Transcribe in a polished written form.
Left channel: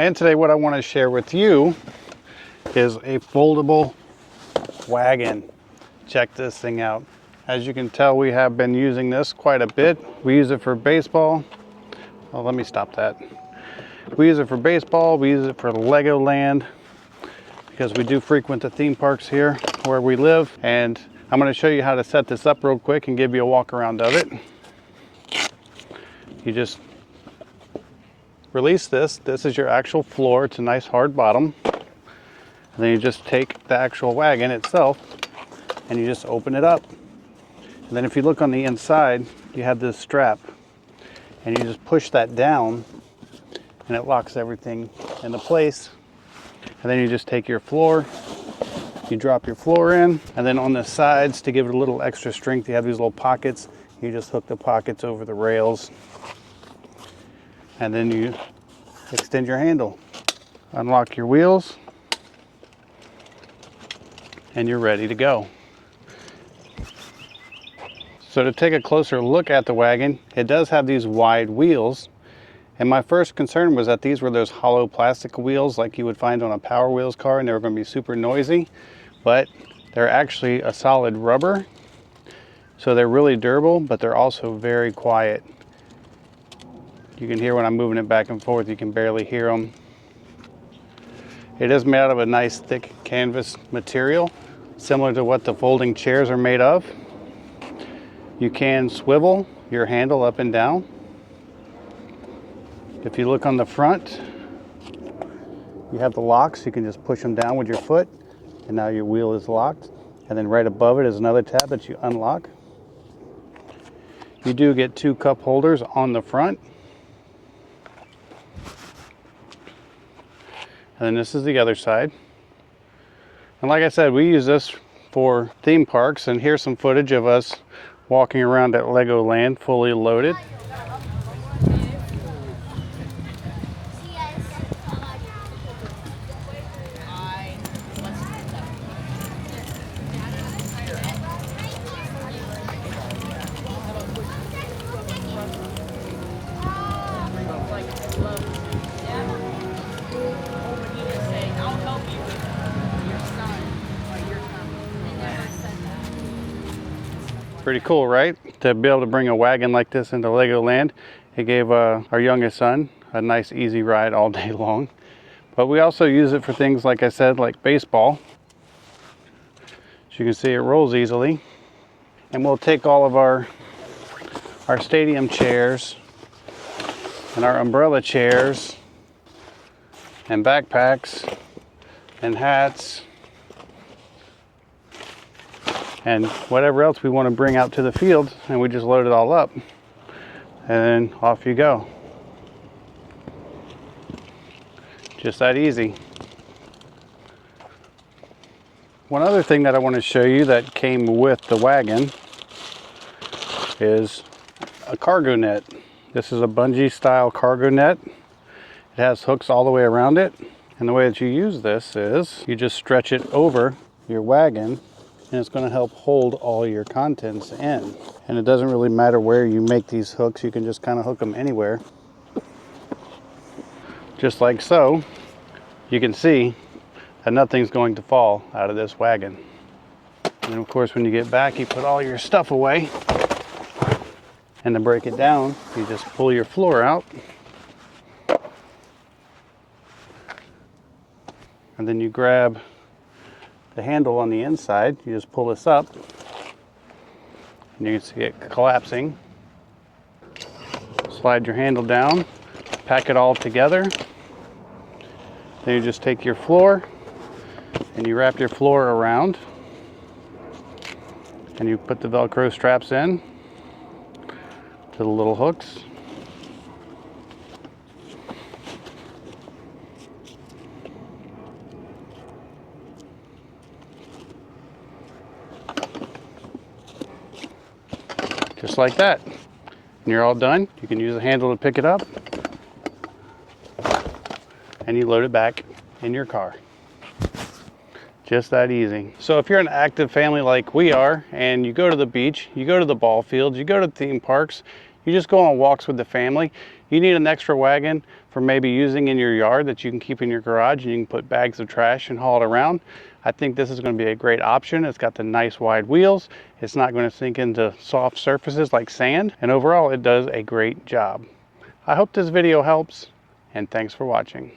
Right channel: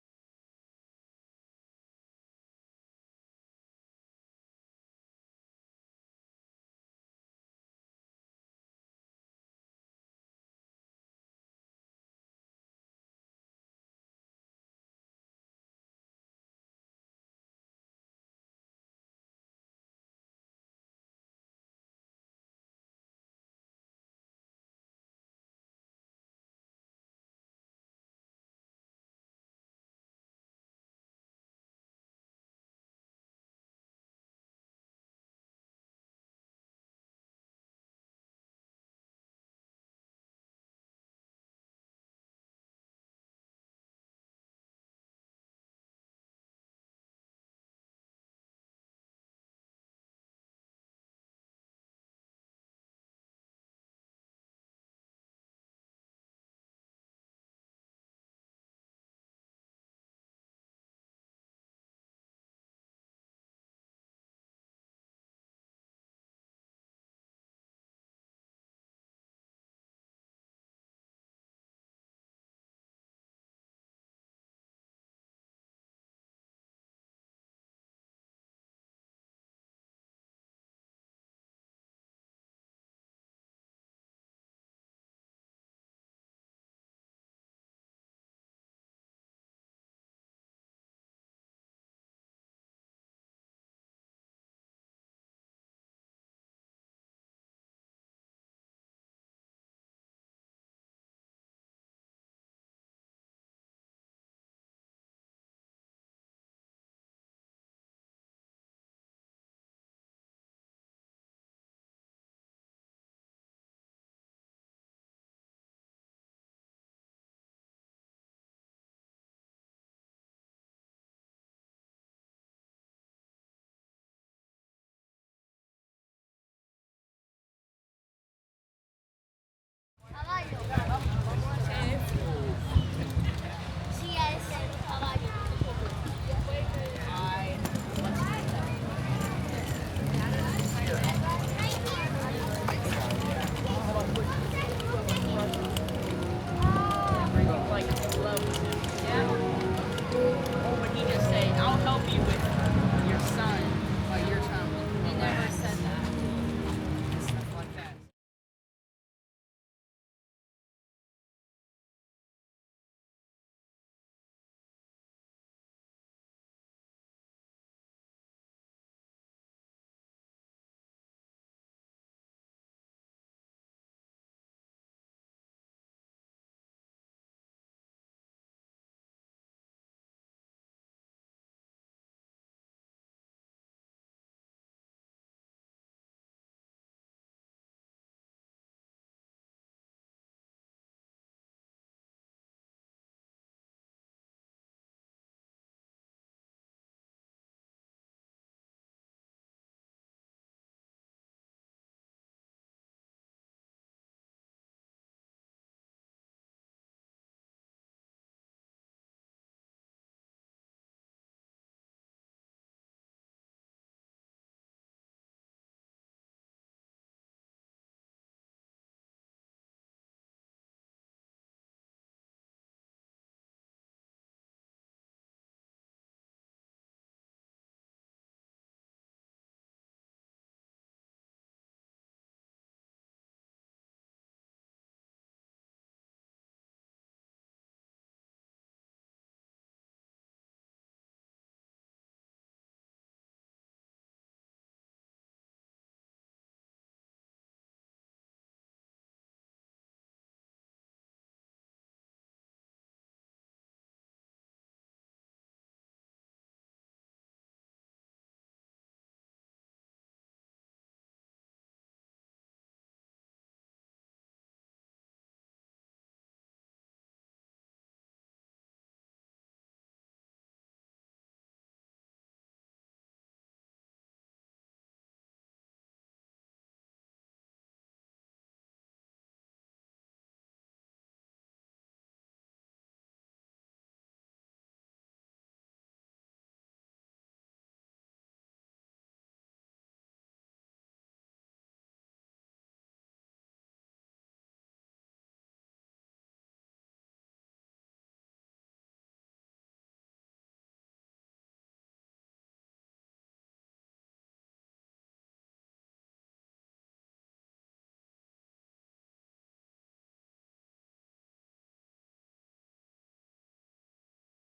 And today what I want to share with you is a foldable wagon. Check this thing out. As you can tell, we have been using this quite a bit. We use it for baseball. Oh, let me stop that. We use it for baseball, we use it for Legoland, because we do frequent the theme parks here where we live. And I'm going to show you how to set this up real quick and give you a walk around of it. You just release this. This is your actual floor. It's a nice hard bottom. And then you just take the actual wagon itself and you just open it up. And then if you look on the inside, you have this strap. And you just push that down and it locks everything into place. And then you just take your floor, you drop your floor in, and then on the sides, to give it a little extra strength, you have these little pockets. You just hook the pockets over the rails, and then you extend your handle. Unlock your wheels, and you're ready to go. So to take a closer look at the wagon, it does have these wide wheels. And my first concern was that these were those hollow plastic wheels like you would find on a Power Wheels car, and they were going to be super noisy. But they're actually a solid rubber. So they're really durable, but they're also very quiet. You can hear when I'm moving it back and forth, you can barely hear them. It is made out of a nice thick canvas material, similar to what the folding chairs are made of. You can swivel your handle up and down. If you look on the front, you have the locks. You can just push them down with your foot, and now your wheel is locked. And then right above it is another tab that you unlock. You do get 2 cup holders on the front. And then this is the other side. And like I said, we use this for theme parks, and here's some footage of us walking around at Legoland fully loaded. Pretty cool, right? To be able to bring a wagon like this into Legoland. It gave our youngest son a nice easy ride all day long. But we also use it for things, like I said, like baseball. As you can see, it rolls easily. And we'll take all of our stadium chairs and our umbrella chairs and backpacks and hats and whatever else we want to bring out to the field, and we just load it all up, and then off you go. Just that easy. One other thing that I want to show you that came with the wagon is a cargo net. This is a bungee style cargo net. It has hooks all the way around it, and the way that you use this is you just stretch it over your wagon, and it's going to help hold all your contents in. And it doesn't really matter where you make these hooks, you can just kind of hook them anywhere. Just like so. You can see that nothing's going to fall out of this wagon. And of course, when you get back, you put all your stuff away. And to break it down, you just pull your floor out. And then you grab the handle on the inside. You just pull this up, and you can see it collapsing. Slide your handle down, pack it all together. Then you just take your floor and you wrap your floor around, and you put the Velcro straps in to the little hooks. Just like that. And you're all done. You can use the handle to pick it up, and you load it back in your car. Just that easy. So if you're an active family like we are, and you go to the beach, you go to the ball fields, you go to theme parks, you just go on walks with the family, You need an extra wagon for maybe using in your yard that you can keep in your garage and you can put bags of trash and haul it around. I think this is going to be a great option. It's got the nice wide wheels. It's not going to sink into soft surfaces like sand. And overall, it does a great job. I hope this video helps, and thanks for watching.